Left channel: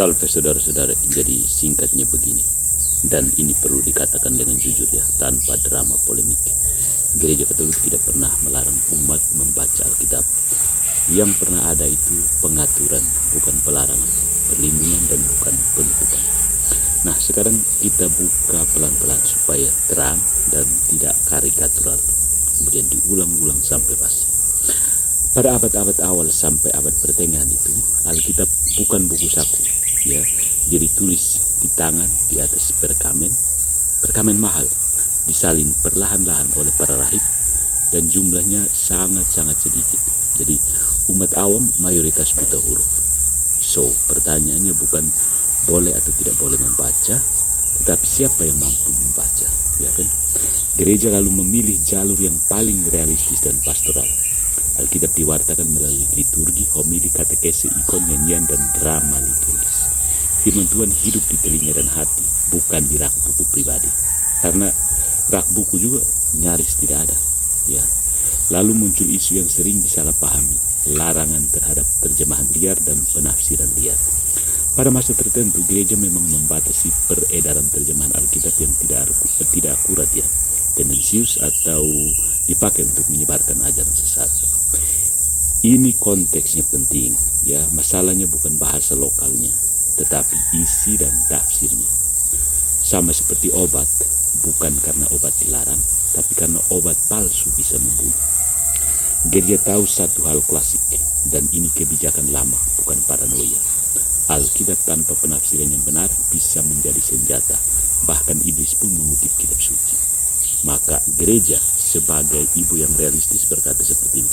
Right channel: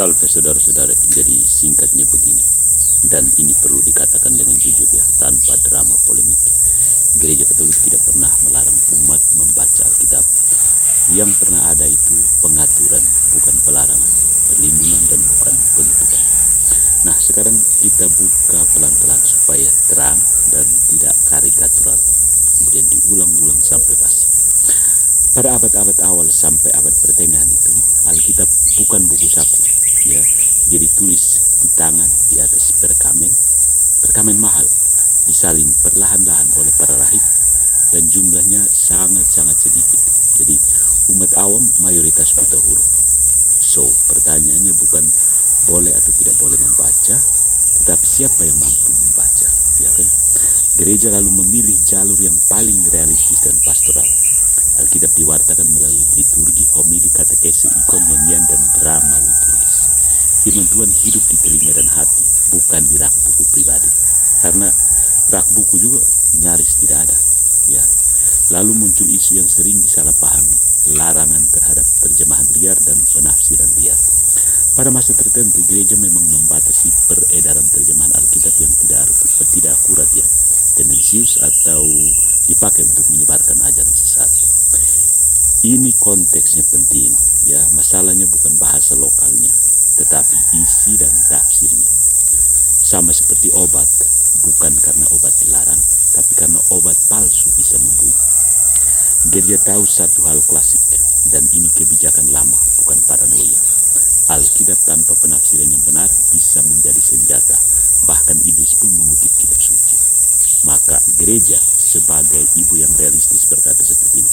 Salve saudara-saudara, jadi singkatnya begini. Dan ini perlu dikatakan dengan jujur ya, tanpa drama polemik. Gereja Katolik tidak pernah melarang umat membaca Alkitab. Yang pernah ada itu pengaturan, bukan pelarangan. Perlindungan dan bukan penutupan. Nah, sekarang kita buka pelan-pelan supaya terang dan tidak karikatural. Kemudian diulang-ulang sampai pasti. Pada abad-abad awal sampai abad pertengahan itu, Alkitab bukan buku saku, ya. Jadi tulis di tangan di atas perkamen mahal, disalin perlahan-lahan oleh para rahib, dan jumlahnya sangat-sangat sedikit. Jadi umat awam mayoritas buta huruf. So, pertanyaannya bukan boleh atau tidak boleh membaca, tetapi siapa yang mampu membaca, ya kan? Gereja lalu memilih jalur yang paling realistis dan pastoral. Alkitab diwartakan melalui liturgi, homili, katekese, ikon, nyanyian, dan drama liturgis. Firman Tuhan hidup di telinga dan hati, bukan di rak buku pribadi. Karena rak buku juga nyaris tidak ada. Ya. Lalu muncul isu yang sering disalahpahami, larangan terhadap terjemahan liar dan penafsiran liar. Pada masa tertentu, gereja memang membatasi peredaran terjemahan Alkitab yang tidak akurat ya, tendensius atau dipakai untuk menyebarkan ajaran sesat. Ini konteksnya penting, ya. Masalahnya bukan bahasa lokalnya, tetapi isi dan tafsirnya. Sama seperti obat, bukan karena obat dilarang, tapi karena obat palsu bisa membunuh. Gereja tahu satu hal klasik, dan ini kebijakan lama, bukan paranoia. Alkitab tanpa penafsiran yang benar bisa menjadi senjata, bahkan iblis pun mengutip kitab suci. Maka gereja sebagai ibu yang realistis berkata seperti ini:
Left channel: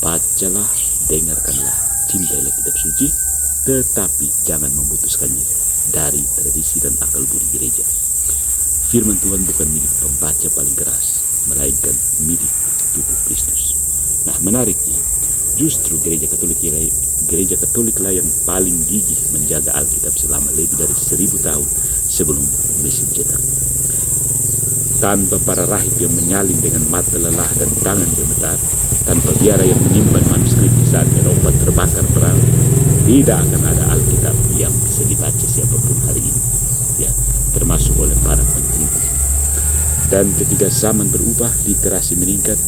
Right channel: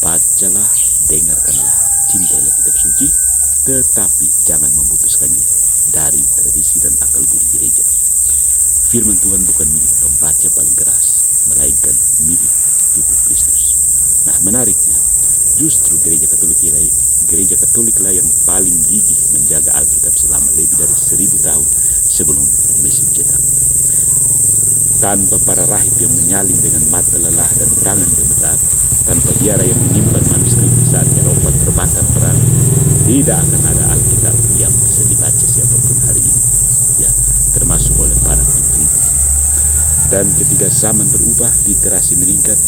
bacalah, dengarkanlah, cintailah kitab suci, tetapi jangan memutuskannya dari tradisi dan akal budi gereja. Firman Tuhan bukan milik pembaca paling keras, melainkan milik tubuh Kristus. Nah, menariknya, justru gereja Katoliklah yang paling gigih menjaga Alkitab selama lebih dari 1000 tahun sebelum mesin cetak. Tanpa para rahib yang menyalin dengan mata lelah dan tangan gemetar, tanpa biara yang menyimpan manuskrip di saat Eropa terbakar perang, tidak akan ada Alkitab yang bisa dibaca siapapun hari ini, ya, termasuk oleh para peneliti. Dan ketika zaman berubah, literasi meningkat,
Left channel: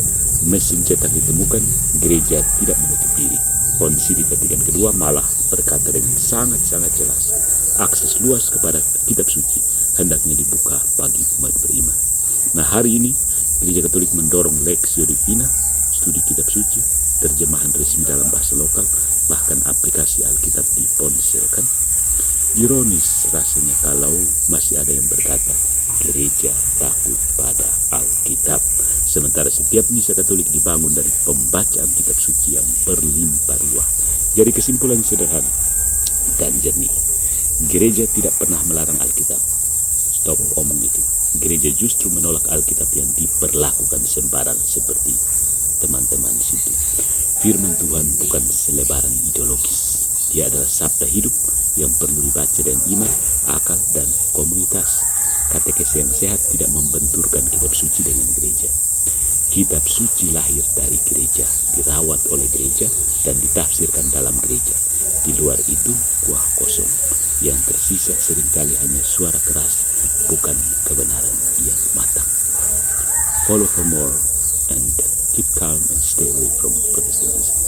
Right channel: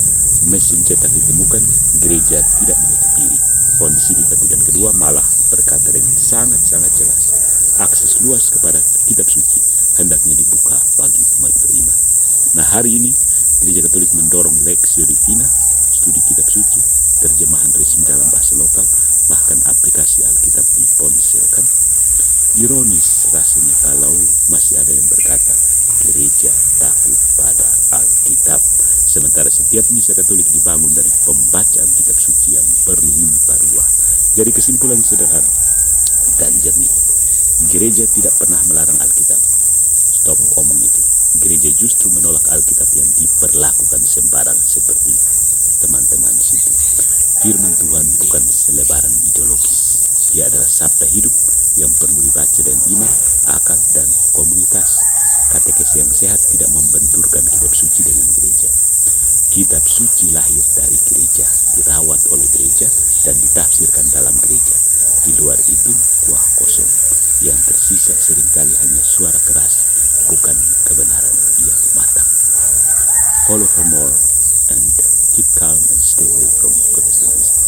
mesin cetak ditemukan, gereja tidak menutup diri. Konsili Vatikan II malah berkata dengan sangat-sangat jelas, akses luas kepada kitab suci hendaknya dibuka bagi umat beriman. Nah, hari ini Gereja Katolik mendorong Lectio Divina, studi kitab suci, terjemahan resmi dalam bahasa lokal, bahkan aplikasi Alkitab di ponsel, kan? Ironis rasanya kalau masih ada yang berkata gereja takut pada Alkitab, sementara setiap misa Katolik dibangun dari pembacaan kitab suci yang berlimpah ruah. Jadi kesimpulan sederhana dan jernih, gereja tidak pernah melarang Alkitab. Stop omong itu. Gereja justru menolak Alkitab yang diperlakukan sembarang seperti teman-teman di situ. Firman Tuhan bukan selebaran ideologis. Dia adalah sabda hidup yang perlu dibaca dengan iman, akal, dan komunitas. Katekese yang sehat tidak membenturkan kitab suci dengan gereja. Kitab suci lahir dari gereja, dirawat oleh gereja, dan ditafsirkan dalam gereja. Di luar itu, kuah kosong. Yang tersisa seringkali hanya suara keras, bukan kebenaran yang matang. Follow for more and keep calm and stay away from Protestantism.